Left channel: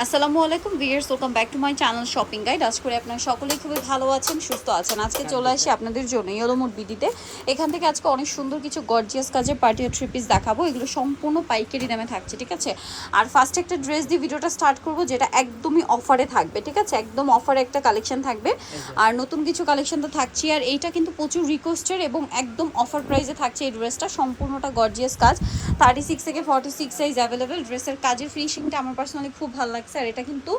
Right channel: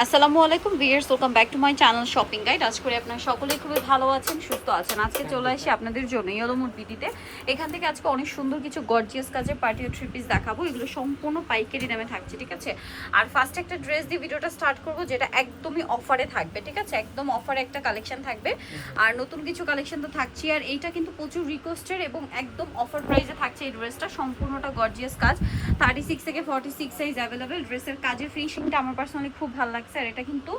আসসালামু আলাইকুম viewers welcome back to my channel shopping guide আজ করে আপনারা সকলেই খুবই ভালো আছেন, সুস্থ আছেন। আজকে চলে আসি আপনাদের জন্য ইয়েলোমুড বিডিতে এখান থেকে আজকে অনেক সুন্দর কিছু গর্জিয়াস কাজের পার্টি থ্রি পিস দেখাবো। এগুলো সম্পূর্ণ পাইকারি দামে থাকছে, ঠিক আছে? আর ফার্স্ট একটা ড্রেস দিয়ে ভিডিওটা স্টার্ট করব, যেটা একদমই অফারে থাকবে, ঠিক আছে? একদম অফারে একটা কালেকশন থাকবে। আর নতুন কিছু কালেকশন তো থাকছে আর এইটা কিন্তু প্রচুর রিকোয়েস্টের এবং একদম অফার প্রাইসে থাকছে এই ড্রেসটা সম্পূর্ণটা গর্জিয়াস কাজ। থার্টি সিক্স থেকে ফর্টি সিক্স সাইজ অ্যাভেলেবেল ড্রেসের কাজের ফিনিশিংটা আমার পার্সোনালি খুব ভালো লাগছে আর এটা কিন্তু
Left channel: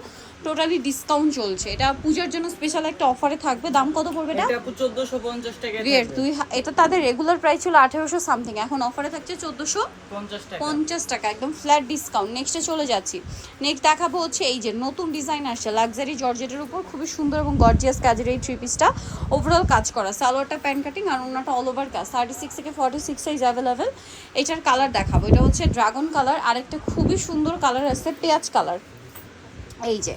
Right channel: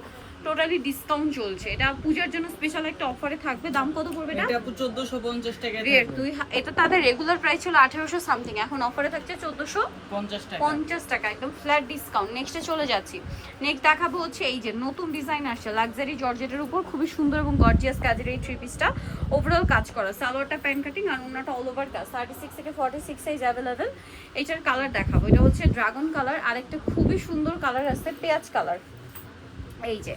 টোটালি ডিসকাউন্ট চলছে। এটা পূজার জন্য স্পেশাল একটা অফারে থাকবে। দাম কত পড়বে এটা? এটা 1450 টাকা দুই এটা তাদের রেগুলার প্রাইস ছিল আঠেরোশো সামথিং এখন অফারে থাকছে চোদ্দোশো 50 টাকা পঞ্চাশ টাকা একদম ফ্ল্যাট ডিসকাউন্ট নেক্সটে চলে যাচ্ছি। নেক্সট দেখাবো হচ্ছে এই যে নতুন ডিজাইন আসছে লাক্সারি জর্জেটের উপর। খুবই সুন্দর এবং গর্জিয়াস কাজের এই থ্রি পিসটা ওভারঅল কাজ করা। সালোয়ারটা প্যান্ট কাটিং আর অন্যটা অল ওভার কাজ থার্টি সিক্স থেকে ফর্টি সিক্স সাইজ অ্যাভেলেবেল এটার কালার দেখাবো। এটা হচ্ছে ড্রাগন কালার আরেকটা খুবই সুন্দর কালার আছে পেঁয়াজ কালার এই যে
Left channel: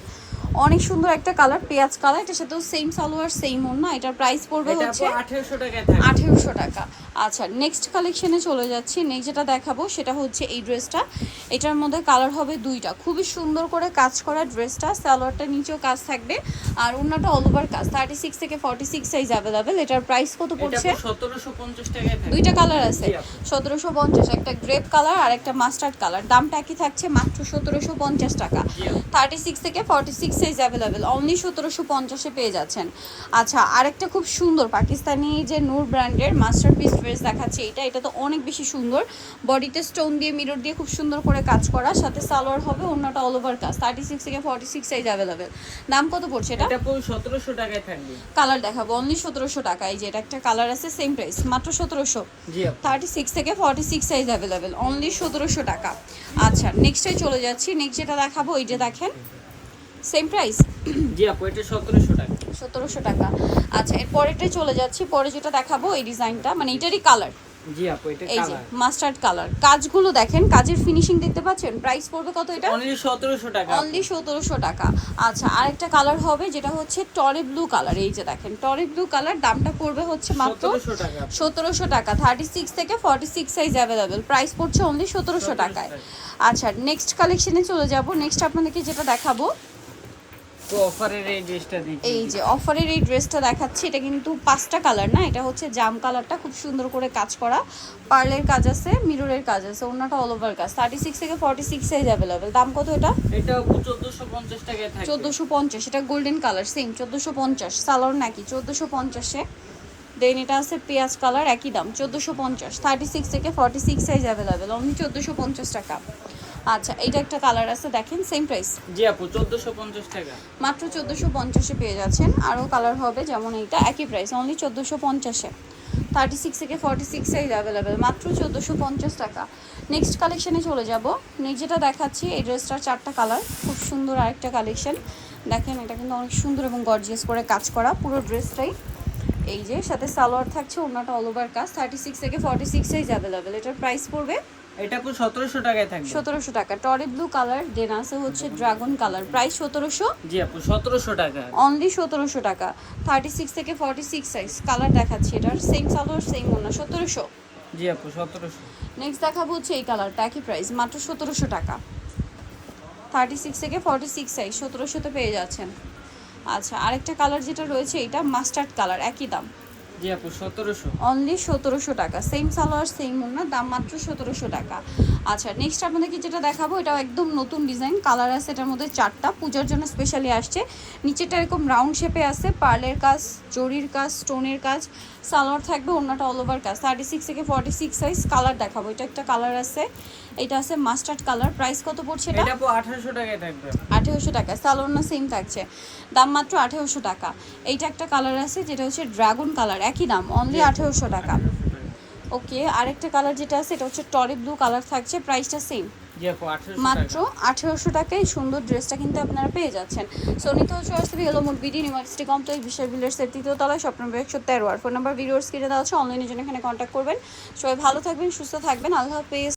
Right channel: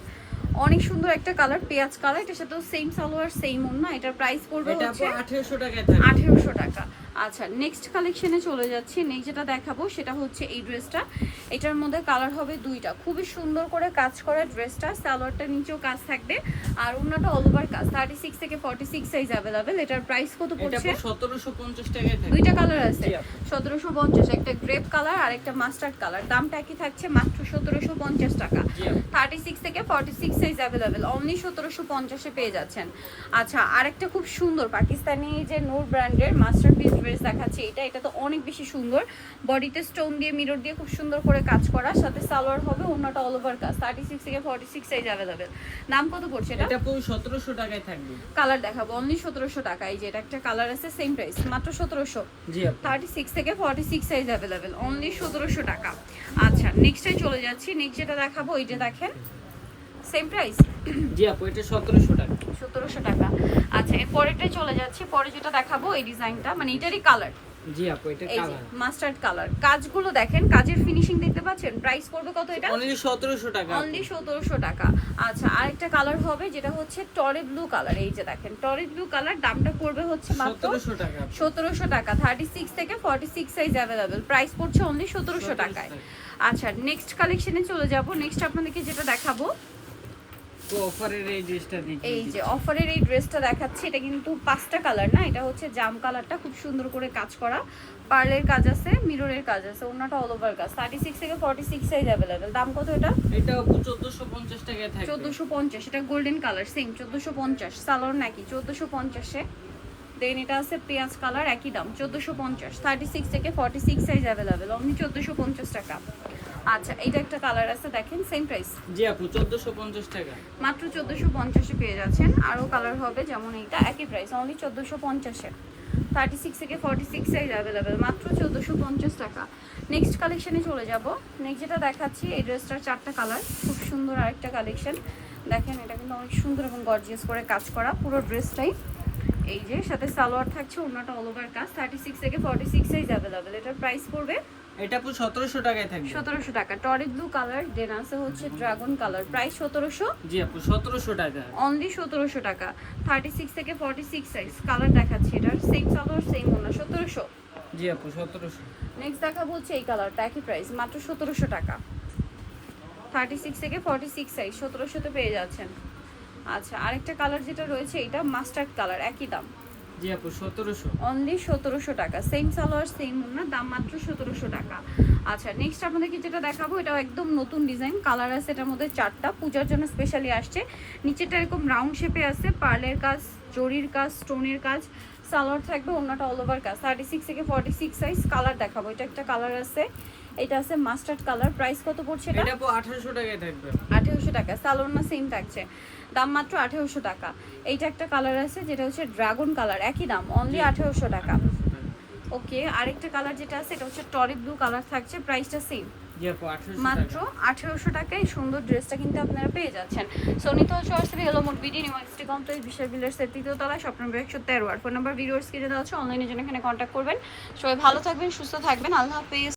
অনেক সুন্দর একটা কালার পেঁয়াজ কালার এটার সাথেও সেম সালোয়ার সেম ওন্না এটার প্রাইস পড়বে হচ্ছে 1800 টাকায় থাকবে আঠেরোশো টাকা। আচ্ছা নেক্সট কালেকশনে চলে যাচ্ছি। নেক্সট যেটা দেখাবো সেটা হচ্ছে এই ড্রেসটা এটার মধ্যে কালার হবে দুইটা। খুবই সুন্দর করে কাজ করা ড্রেসটা সালোয়ারটা নিচেও কাজ থাকবে। আর অন্যটা অল ওভার কাজ। থার্টি সিক্স থেকে ফর্টি সিক্স সাইজ অ্যাভেলেবেল এটার প্রাইস কত পড়ছে? আপু 1750 টাকা দুইটা কালার আছে। জি আপু। সতেরোশো পঞ্চাশ। একটা গ্রেপ কালার আর একটা মাস্টার্ড কালার দামটা একই থাকছে মাত্র সতেরোশো পঞ্চাশ টাকা। জি আপু। থার্টি সিক্স থেকে forty six size available only সতেরোশো পঞ্চাশে পেয়ে যাচ্ছেন। আচ্ছা আরেকটা খুব সুন্দর পাকিস্তানি যে নূর ব্র্যান্ডের মাস্টার মাস্টারপিস ড্রেস দেখাচ্ছে এটা এটা তো অনেক বেশি সুন্দর। বডিতে স্টোন দিয়ে মিরর দিয়ে খুব সুন্দর করে কাজ করা। সাথে সালোয়ার হবে অন্যটা অল ওভার কাজ। থার্টি সিক্স থেকে ফর্টি সিক্স সাইজ অ্যাভেলেবেল দাম কত পড়ছে এটা? 1700 টাকায় থাকবে। কালার দেখাবো। অনলি সতেরোশো টাকা। এই যে এটা একটা কালার আছে সেম প্রাইস মাত্র সতেরোশো। থার্টি সিক্স থেকে forty six size available only সতেরোশো টাকা। আচ্ছা নেক্সটে চলে যাচ্ছি। নেক্সট যেটা দেখাবো এই যে দেখেন সেম প্রাইস জি আপু এটা 1700 টাকা। সতেরোশো টাকা। আচ্ছা এর পরেরটাই চলে যাচ্ছি। পরে যেটা দেখাবো এই ডিজাইনটা মানে এটারই কালার জি আপু এটা কালার মাস্টার্ড কালার কাজগুলো দেখেন কাজের ফিনিশিং দেখতে পাচ্ছেন? প্রাইস পড়বে কত এটা? অনলি 1700 টাকা অনলি সতেরোশো টাকা। আচ্ছা আরেকটা কালার হবে যেটা হচ্ছে টরে ব্লু কালার এই যে দেখেন টরে ব্লু কালার দামটা পড়বে হচ্ছে মাত্র 1700 টাকা আপু। সতেরোশো টাকা থার্টি সিক্স থেকে forty six size available price পড়ছে অনলি সতেরোশো 1700 টাকায়। আচ্ছা নেক্সট কালেকশনে চলে যাব। নেক্সট আপনাদেরকে যেটা দেখাবো অফারের এই ড্রেসটা দেখি। এই যে অফারের এই ড্রেসটা দেখাচ্ছি এটা কিন্তু পাঁচটা কালার না? এটা হচ্ছে জাম কালারটা খুব সুন্দর করে কাজ করা। পার্লের কাজ আছে মিররের কাজ আছে অন্যটা অল ওভার কাজ। থার্টি সিক্স থেকে ফর্টি সিক্স সাইজ অ্যাভেলেবেল দাম কত এটা? 1450 টাকায় থাকবে চোদ্দোশো পঞ্চাশ এটা গোল্ডেন কালার সেম চোদ্দোশো পঞ্চাশ। নাকি চোদ্দোশো পঞ্চাশে। দেন এটা আছে পেঁয়াজ কালার একই দাম চোদ্দোশো পঞ্চাশ। থার্টি সিক্স থেকে forty six size available only চোদ্দোশো পঞ্চাশ টাকা। আচ্ছা এটা একটা কালার আছে দেখেন সেম প্রাইস জি আপু 1450 টাকা। মাত্র চোদ্দোশো পঞ্চাশে পেয়ে যাচ্ছেন। আরও কালার হবে যেমন এইটা একই প্রাইস অনলি চোদ্দোশো পঞ্চাশে। থার্টি সিক্স থেকে ফর্টি সিক্স সাইজ অ্যাভেলেবেল মাত্র চোদ্দোশো পঞ্চাশ টাকা। নেক্সট কালেকশনে চলে যাব। নেক্সট যেটা দেখাচ্ছি এই ড্রেসটার চারটা কালার খুব সুন্দর আরেকটা কালেকশন দেখেন এটা কিন্তু অনেক সুন্দর এবং গর্জিয়াস করে কাজ করা পুরো ড্রেসটাই এই যে সাথে সালোয়ার থাকছে অন্যটা অল ওভার কাজ। থার্টি সিক্স থেকে ফর্টি সিক্স সাইজ অ্যাভেলেবেল এটার প্রাইস পড়বে এটা আপু 1700 টাকায় থাকবে। সতেরোশো টাকা। টরি ব্লু কালার দেন আছে হচ্ছে ড্রাগন কালার। প্রাইস সতেরোশো। জি আপু 1700 টাকা। অনলি সতেরোশো টাকা। থার্টি সিক্স থেকে ফর্টি সিক্স সাইজ কালার দেখাচ্ছি এটার সেম সালোয়ার সেম ওনা সতেরোশো। জি আপু 1700 নেক্সট দেখাবো হচ্ছে এই কালারটা। একই প্রাইস মাত্র সতেরোশো টাকা। থার্টি সিক্স থেকে ফর্টি সিক্স সাইজ সতেরোশোতে পেয়ে যাচ্ছেন। আচ্ছা আরেকটা কালার যেটা রয়েছে এটা মাস্টার্ড কালার একই দাম। জি আপু 1700 অনলি সতেরোশো টাকা। সেম সালোয়ার সেম ওনা দাম মাত্র সতেরোশো টাকা। আচ্ছা নেক্সট আপনাদেরকে যেটা দেখাবো এটা একদম নতুন ডিজাইন কালার আছে এটার মধ্যে চারটা। পূজার জন্য স্পেশালি আসছে। নিচেটা এরকম রাউন্ড শেপে আছে। পার্লের কাজ, জরির কাজ স্টোনের কাজ। সালোয়ার থাকবে অন্যটা অল ওভার কাজ। থার্টি সিক্স থেকে ফর্টি সিক্স সাইজ কালার দেখাবো। এটা একটা কালার আছে। এটা আছে মাস্টার্ড কালার। প্রাইস কত পড়ছে এটা? এটা আপু 1800 টাকায় থাকবে। আঠেরোশো টাকা। সালোয়ার না সেম থাকছে। দাম মাত্র আঠেরোশো টাকা। এইটা একটা কালার আছে যেটা হচ্ছে ড্রাগন কালার একই দাম অনলি আঠেরোশো টাকা। 1800 টাকা। ওকে আরেকটা কালার যেটা আছে এটা হচ্ছে টরে ব্লু কালার থাকছে প্রাইসটা সেম 1800 মাত্র আঠেরোশো টাকায় সুন্দর ড্রেসটা কিন্তু আপনারা পেয়ে যাচ্ছেন। সোনিত সরাসরি হলো মোট বিডি ইউনিভার্সিটি কমপ্লেক্স বিশেষ বিল্ডার্সের তৃতীয় তলায় স্বপ্ন একশো তেরো আর ফোন নাম্বার ভিডিওর স্ক্রিনে দেওয়া আছে অনলাইনে জন্য এখানে কন্ট্যাক্ট করবেন। সবাই ভালো থাকবেন সুস্থ থাকবেন আল্লাহ হাফেজ।